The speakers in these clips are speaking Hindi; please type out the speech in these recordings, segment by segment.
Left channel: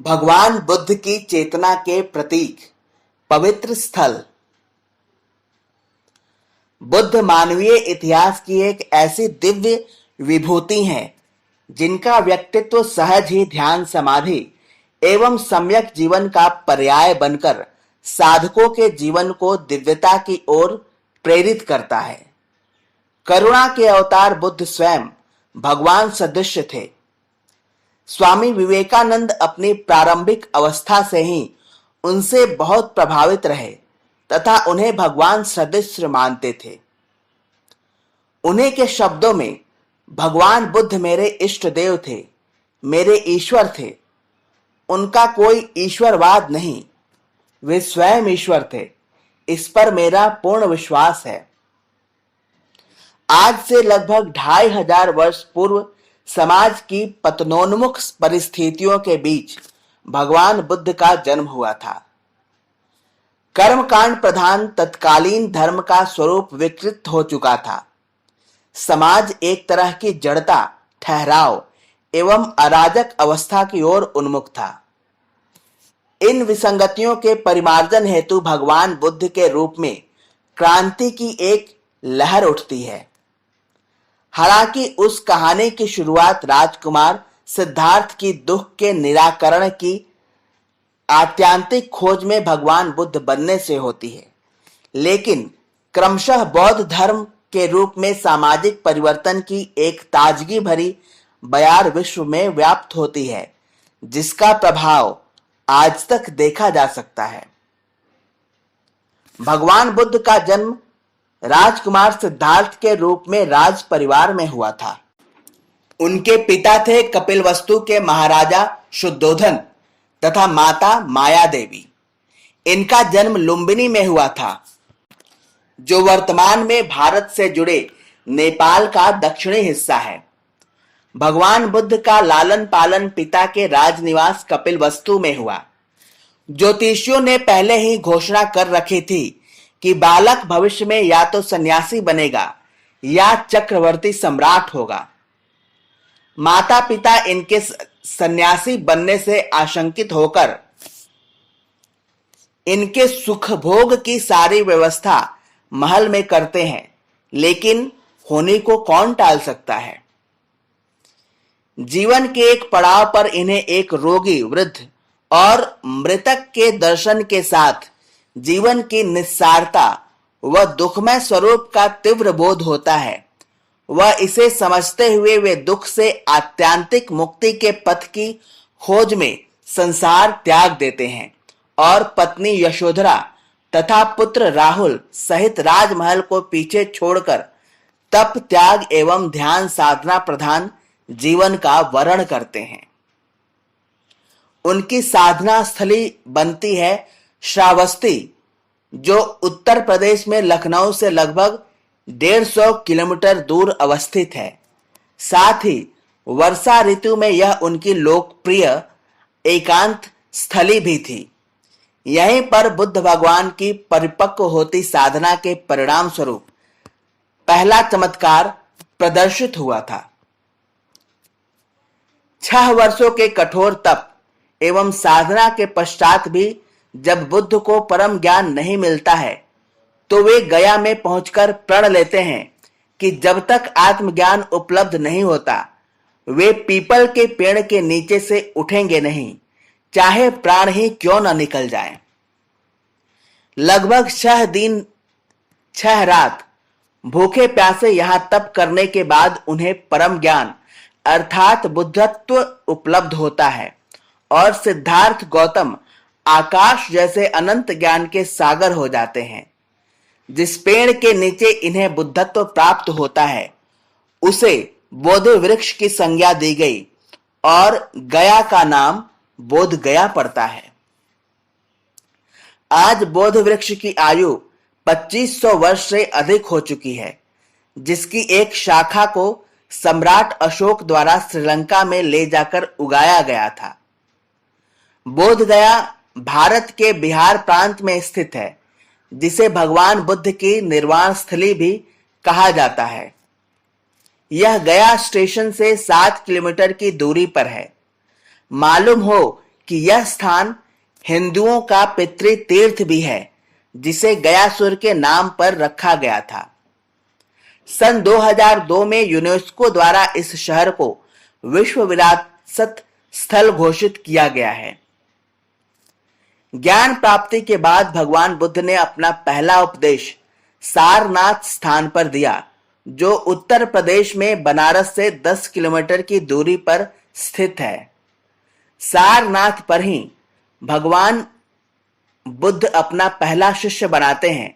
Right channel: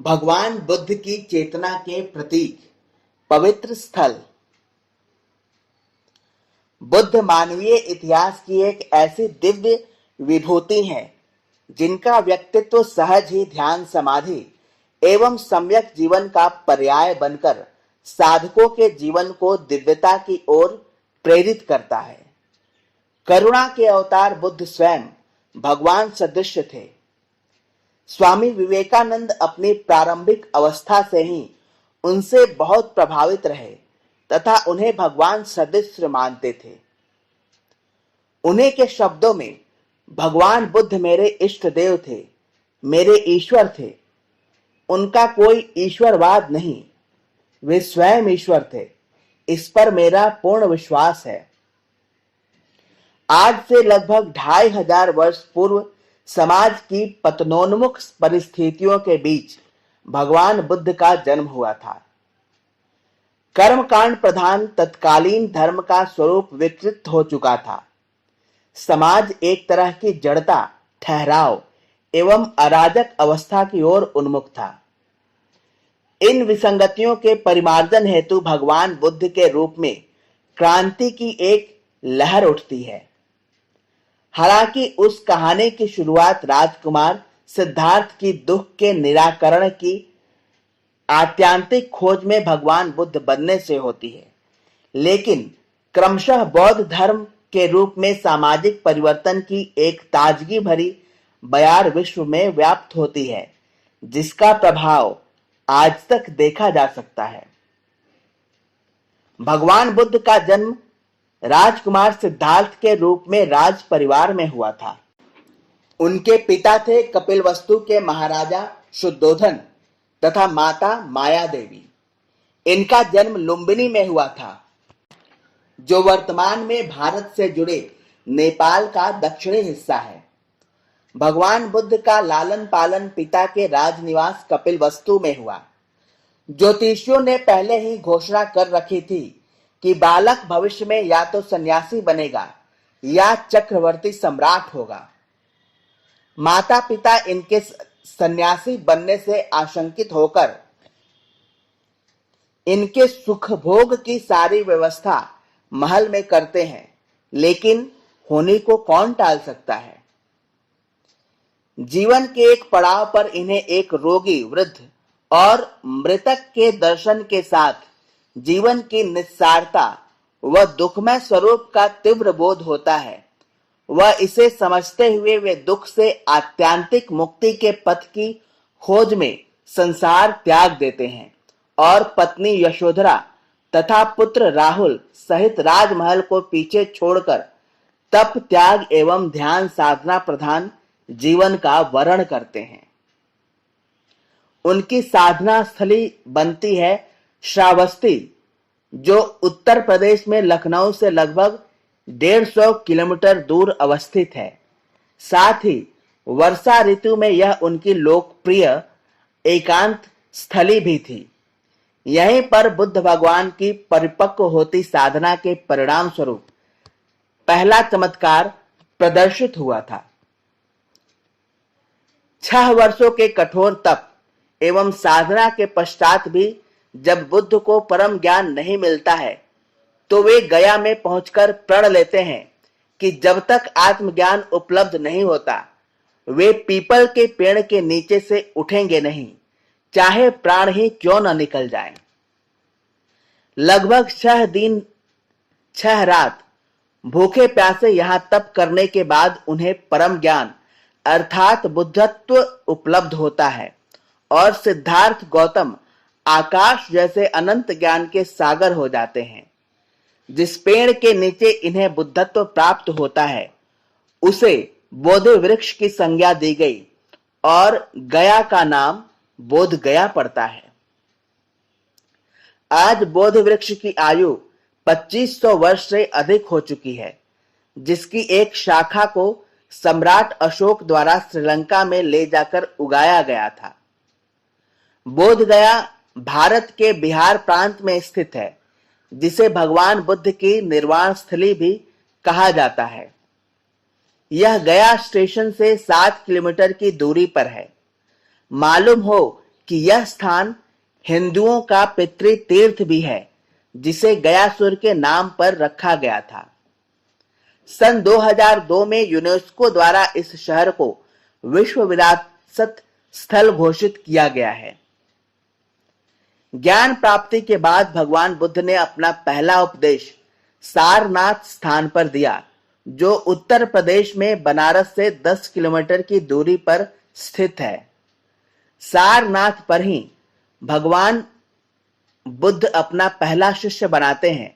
भगवान बुद्ध की चेतना के प्रतीक पवित्र स्थल। बुद्ध मानवीय इतिहास की एक ऐसी दिव्य विभूति हैं जिनका व्यक्तित्व सहज ही ध्यान समाधि एवं सम्यक जीवन का पर्याय बनकर साधकों के जीवन को दिव्यता की ओर प्रेरित करता है। करुणा के अवतार बुद्ध स्वयं भगवान सदृश थे। स्वामी विवेकानंद अपनी प्रारंभिक अवस्था से ही उनसे बहुत प्रभावित रहे तथा उन्हें भगवान सदृश मानते थे। उन्हीं के शब्दों में भगवान बुद्ध मेरे इष्ट देव थे, मेरे ईश्वर थे। उनका कोई ईश्वरवाद नहीं, वे स्वयं ईश्वर थे, इस पर मेरा पूर्ण विश्वास है। आज से लगभग 2500 वर्ष पूर्व समाज की पतनोन्मुख परिस्थितियों के बीच भगवान बुद्ध का जन्म हुआ था। कर्मकांड प्रधान तत्कालीन धर्म का स्वरूप विकृत हो चुका था। समाज एक तरह की जड़ता, ठहराव एवं अराजक अवस्था की ओर उन्मुख था। इन विसंगतियों के परिमार्जन हेतु भगवान बुद्ध के रूप में क्रांति की एक लहर उठती है। हालांकि उस कहानी की शुरुआत राजकुमार सिद्धार्थ की दुख के निराकरण की आत्यांतिक खोज में भगवान बुद्ध बनने से होती है, लेकिन क्रमशः बौद्ध धर्म के रूप में सामाजिक परिवर्तन की एक ताजगी भरी बयार विश्व में व्याप्त होती है, जिसका प्रभाव आज तक देखा जा सकता है। भगवान बुद्ध का जन्म राजकुमार सिद्धार्थ के रूप में राज परिवार में हुआ था। उनके पिता थे कपिलवस्तु के महाराजा शुद्धोधन तथा माता माया देवी। इनका जन्म लुम्बिनी में हुआ था, जो वर्तमान में भारत से जुड़े नेपाल का दक्षिणी हिस्सा है। भगवान बुद्ध का लालन पालन पिता के राजनिवास कपिलवस्तु में हुआ। ज्योतिषियों ने पहले ही घोषणा कर रखी थी कि बालक भविष्य में या तो सन्यासी बनेगा या चक्रवर्ती सम्राट होगा। माता पिता इनके सन्यासी बनने से आशंकित होकर इनके सुख भोग की सारी व्यवस्था महल में करते हैं, लेकिन होने को कौन टाल सकता है। जीवन के एक पड़ाव पर इन्हें एक रोगी वृद्ध और मृतक के दर्शन के साथ जीवन की निस्सारता व दुखमय स्वरूप का तीव्र बोध होता है। वह इसे समझते हुए वे दुख से आत्यांतिक मुक्ति के पथ की खोज में संसार त्याग देते हैं और पत्नी यशोधरा तथा पुत्र राहुल सहित राजमहल को पीछे छोड़कर तप त्याग एवं ध्यान साधना प्रधान जीवन का वर्ण करते हैं। उनकी साधना स्थली बनती है श्रावस्ती, जो उत्तर प्रदेश में लखनऊ से लगभग 150 किलोमीटर दूर अवस्थित है। साथ ही वर्षा ऋतु में यह उनकी लोकप्रिय एकांत स्थली भी थी। यहीं पर बुद्ध भगवान की परिपक्व होती साधना के परिणाम स्वरूप पहला चमत्कार प्रदर्शित हुआ था। 6 वर्षों के कठोर तप एवं साधना के पश्चात भी जब बुद्ध को परम ज्ञान नहीं मिलता है, तो वे गया में पहुंचकर प्रण लेते हैं कि जब तक आत्मज्ञान उपलब्ध नहीं होता, वे पीपल के पेड़ के नीचे से उठेंगे नहीं, चाहे प्राण ही क्यों न निकल जाए। लगभग 6 दिन 6 रात भूखे प्यासे यहां तप करने के बाद उन्हें परम ज्ञान अर्थात बुद्धत्व उपलब्ध होता है और सिद्धार्थ गौतम आकाश जैसे अनंत ज्ञान के सागर हो जाते हैं। जिस पेड़ के नीचे इन्हें बुद्धत्व प्राप्त होता है, उसे बोधि वृक्ष की संज्ञा दी गई और गया का नाम बोध गया पड़ता है। आज बोध वृक्ष की आयु 2500 वर्ष से अधिक हो चुकी है, जिसकी एक शाखा को सम्राट अशोक द्वारा श्रीलंका में ले जाकर उगाया गया था। बोध गया भारत के बिहार प्रांत में स्थित है, जिसे भगवान बुद्ध की निर्वाण स्थली भी कहा जाता है। यह गया स्टेशन से 7 किलोमीटर की दूरी पर है। मालूम हो कि यह स्थान हिंदुओं का पितृ तीर्थ भी है, जिसे गयासुर के नाम पर रखा गया था। सन 2002 में यूनेस्को द्वारा इस शहर को विश्व विरासत स्थल घोषित किया गया है। ज्ञान प्राप्ति के बाद भगवान बुद्ध ने अपना पहला उपदेश सारनाथ स्थान पर दिया, जो उत्तर प्रदेश में बनारस से 10 किलोमीटर की दूरी पर स्थित है। सारनाथ पर ही भगवान बुद्ध अपना पहला शिष्य बनाते हैं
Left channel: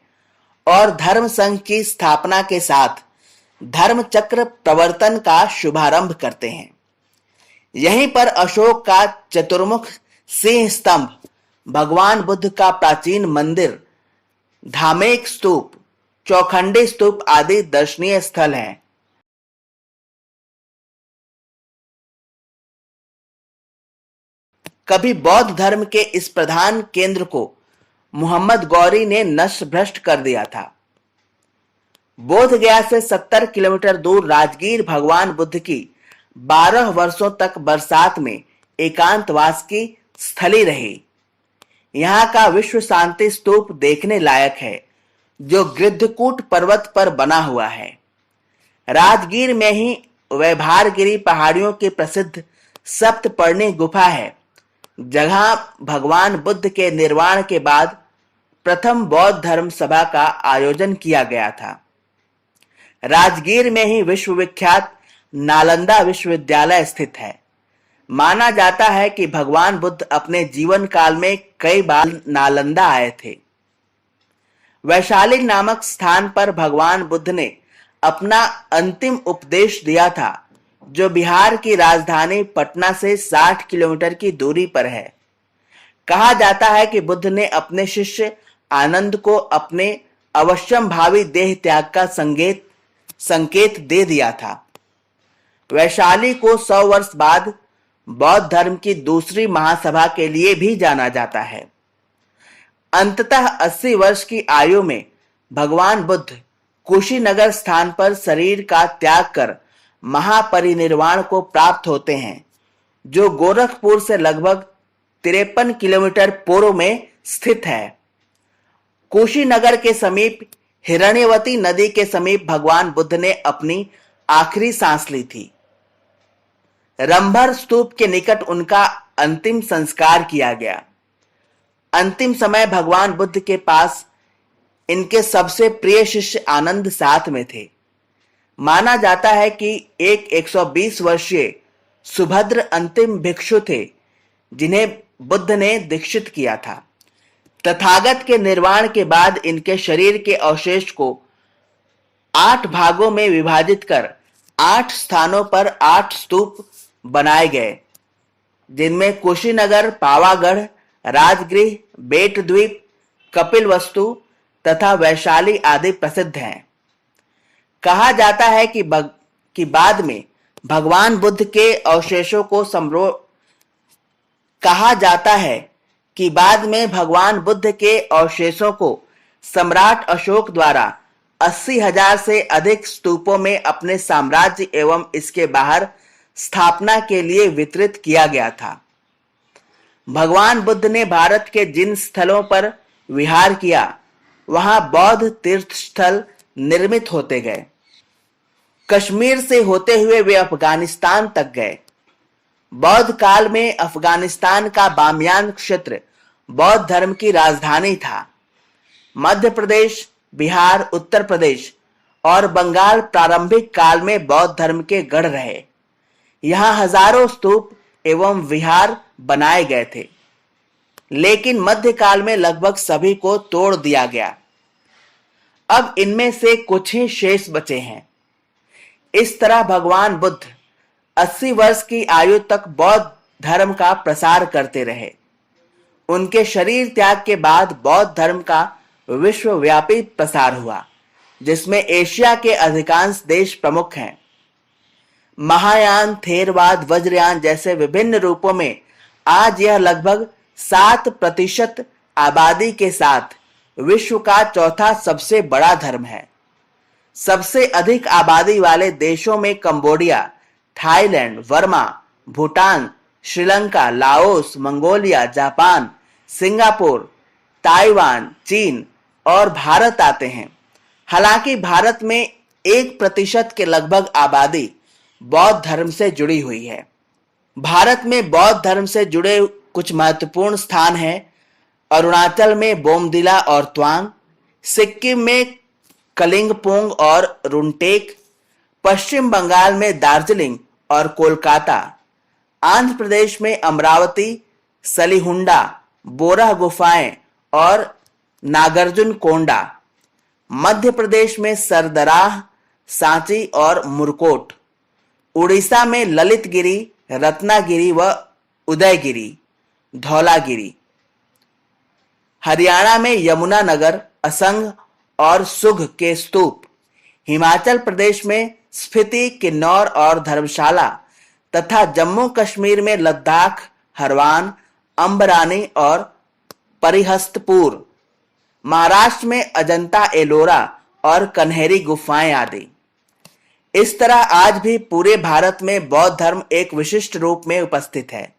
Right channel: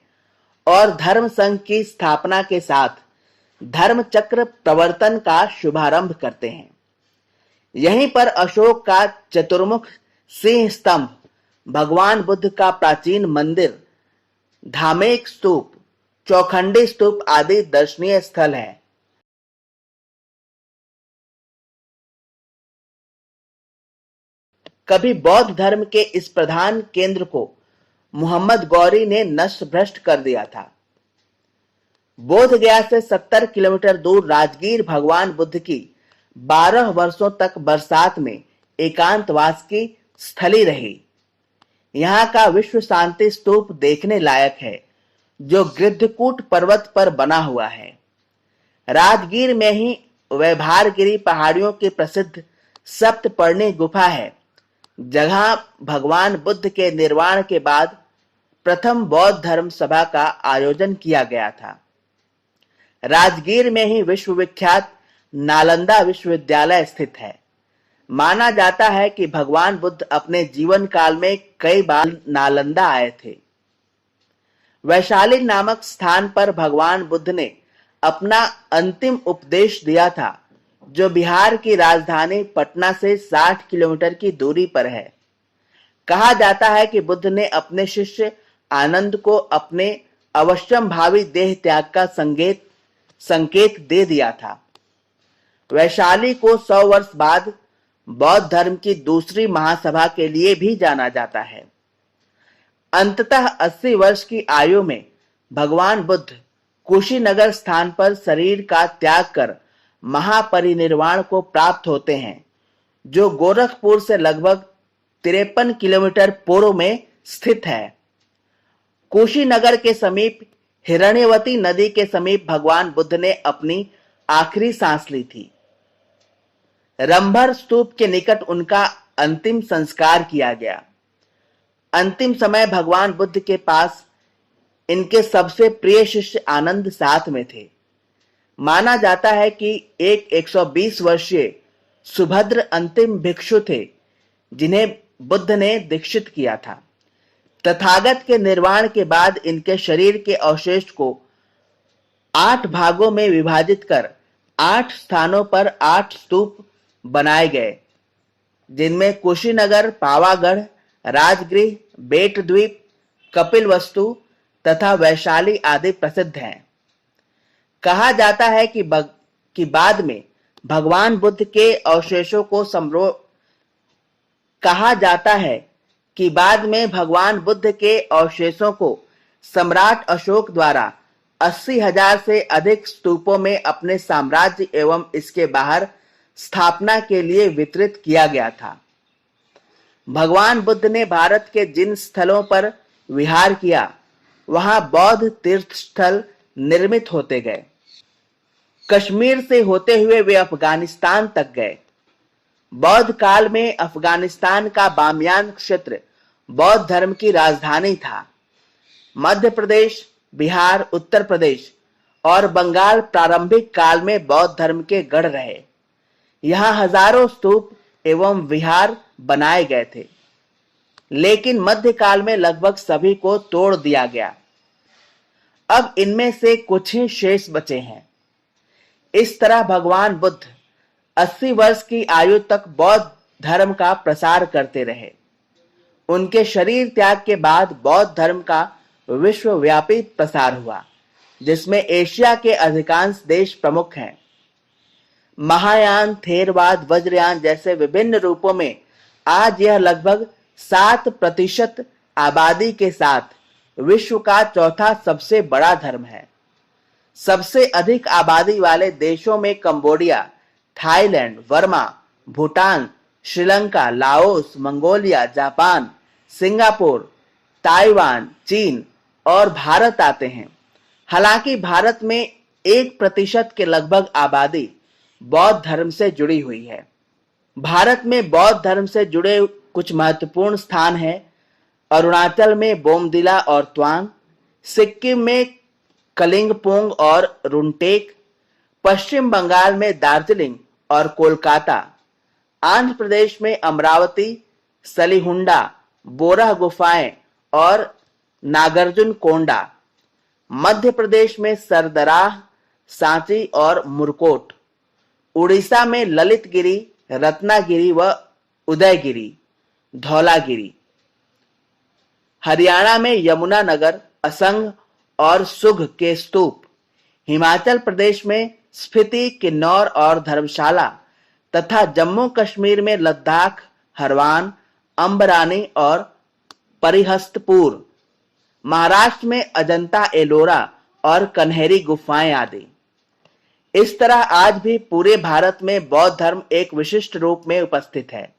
और धर्म संघ की स्थापना के साथ धर्म चक्र प्रवर्तन का शुभारंभ करते हैं। यहीं पर अशोक का चतुर्मुख सिंह स्तंभ, भगवान बुद्ध का प्राचीन मंदिर, धामेक स्तूप, चौखंडी स्तूप आदि दर्शनीय स्थल हैं। कभी बौद्ध धर्म के इस प्रधान केंद्र को मोहम्मद गौरी ने नष्ट भ्रष्ट कर दिया था। बोध गया से 70 किलोमीटर दूर राजगीर भगवान बुद्ध की 12 वर्षों तक बरसात में एकांतवास की स्थली रही। यहाँ का विश्व शांति स्तूप देखने लायक है, जो गिद्धकूट पर्वत पर बना हुआ है। राजगीर में ही वैभारगिरी पहाड़ियों की प्रसिद्ध सप्तपर्णी गुफा है, जहां भगवान बुद्ध के निर्वाण के बाद प्रथम बौद्ध धर्म सभा का आयोजन किया गया था। राजगीर में ही विश्वविख्यात नालंदा विश्वविद्यालय स्थित है। माना जाता है कि भगवान बुद्ध अपने जीवन काल में कई बार नालंदा आए थे। वैशाली नामक स्थान पर भगवान बुद्ध ने अपना अंतिम उपदेश दिया था, जो बिहार की राजधानी पटना से 60 किलोमीटर की दूरी पर है। कहा जाता है कि बुद्ध ने अपने शिष्य आनंद को अपने अवश्यम भावी देह त्याग का संकेत दे दिया था। वैशाली को 100 वर्ष बाद बौद्ध धर्म की दूसरी महासभा के लिए भी जाना जाता है। अंततः 80 वर्ष की आयु में भगवान बुद्ध कुशीनगर स्थान पर शरीर का त्याग कर महापरिनिर्वाण को प्राप्त होते हैं, जो गोरखपुर से लगभग 53 किलोमीटर पूर्व में स्थित है। कुशीनगर के समीप हिरण्यवती नदी के समीप भगवान बुद्ध ने अपनी आखिरी सांस ली थी। रंभर स्तूप के निकट उनका अंतिम संस्कार किया गया। अंतिम समय भगवान बुद्ध के पास इनके सबसे प्रिय शिष्य आनंद साथ में थे। माना जाता है कि एक 120 वर्षीय सुभद्र अंतिम भिक्षु थे, जिन्हें बुद्ध ने दीक्षित किया था। तथागत के निर्वाण के बाद इनके शरीर के अवशेष को 8 भागों में विभाजित कर 8 स्थानों पर 8 स्तूप बनाए गए, जिनमें कुशीनगर, पावागढ़, राजगृह, बेट द्वीप, कपिल वस्तु तथा वैशाली आदि प्रसिद्ध हैं। कहा जाता है कि बाद में भगवान बुद्ध के अवशेषों को सम्राट अशोक द्वारा 80,000 से अधिक स्तूपों में अपने साम्राज्य एवं इसके बाहर स्थापना के लिए वितरित किया गया था। भगवान बुद्ध ने भारत के जिन स्थलों पर विहार किया, वहां बौद्ध तीर्थ स्थल निर्मित होते गए। कश्मीर से होते हुए वे अफगानिस्तान तक गए। बौद्ध काल में अफगानिस्तान का बामियान क्षेत्र बौद्ध धर्म की राजधानी था। मध्य प्रदेश, बिहार, उत्तर प्रदेश और बंगाल प्रारंभिक काल में बौद्ध धर्म के गढ़ रहे। यहाँ हजारों स्तूप एवं विहार बनाए गए थे, लेकिन मध्यकाल में लगभग सभी को तोड़ दिया गया। अब इनमें से कुछ ही शेष बचे हैं। इस तरह भगवान बुद्ध 80 वर्ष की आयु तक बौद्ध धर्म का प्रसार करते रहे। उनके शरीर त्याग के बाद बौद्ध धर्म का विश्वव्यापी प्रसार हुआ, जिसमें एशिया के अधिकांश देश प्रमुख हैं। महायान, थेरवाद, वज्रयान जैसे विभिन्न रूपों में आज यह लगभग 7% आबादी के साथ विश्व का चौथा सबसे बड़ा धर्म है। सबसे अधिक आबादी वाले देशों में Cambodia, Thailand, Verma, Bhutan, Sri Lanka, Laos, Mongolia, Japan, Singapore, Taiwan, चीन और भारत आते हैं। हालांकि भारत में 1% के लगभग आबादी बौद्ध धर्म से जुड़ी हुई है। भारत में बौद्ध धर्म से जुड़े कुछ महत्वपूर्ण स्थान हैं। अरुणाचल में बोमदिला और त्वांग, सिक्किम में कलिंगपोंग और रुनटेक, पश्चिम बंगाल में दार्जिलिंग और कोलकाता, आंध्र प्रदेश में अमरावती, सलीहुंडा, बोरा गुफाएं और नागार्जुन कोंडा, मध्य प्रदेश में सरदराह, सांची और मुरकोट, उड़ीसा में ललितगिरी, रत्नागिरी व उदयगिरी, धौलागिरी, हरियाणा में यमुनानगर, असंग और सुघ के स्तूप, हिमाचल प्रदेश में स्फीति, किन्नौर और धर्मशाला तथा जम्मू कश्मीर में लद्दाख, हरवान, अंबरानी और परिहस्तपुर, महाराष्ट्र में अजंता एलोरा और कन्हेरी गुफाएं आदि। इस तरह आज भी पूरे भारत में बौद्ध धर्म एक विशिष्ट रूप में उपस्थित है।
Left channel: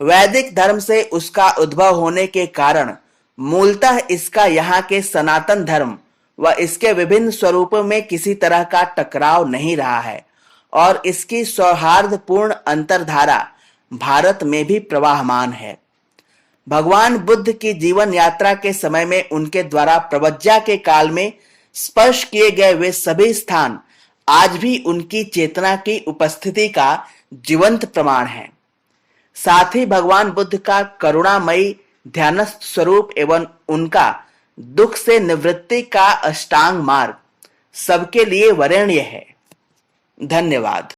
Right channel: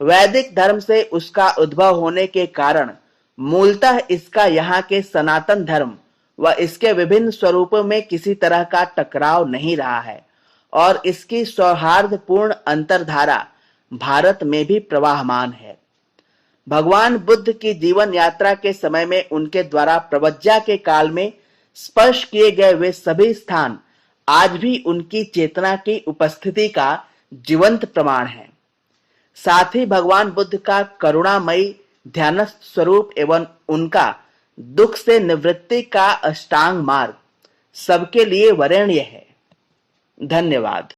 वैदिक धर्म से उसका उद्भव होने के कारण मूलतः इसका यहाँ के सनातन धर्म व इसके विभिन्न स्वरूपों में किसी तरह का टकराव नहीं रहा है और इसकी सौहार्दपूर्ण अंतरधारा भारत में भी प्रवाहमान है। भगवान बुद्ध की जीवन यात्रा के समय में उनके द्वारा प्रवज्जा के काल में स्पर्श किए गए वे सभी स्थान आज भी उनकी चेतना की उपस्थिति का जीवंत प्रमाण है। साथ ही भगवान बुद्ध का करुणामयी ध्यानस्थ स्वरूप एवं उनका दुख से निवृत्ति का अष्टांग मार्ग सबके लिए वरेण्य है। धन्यवाद।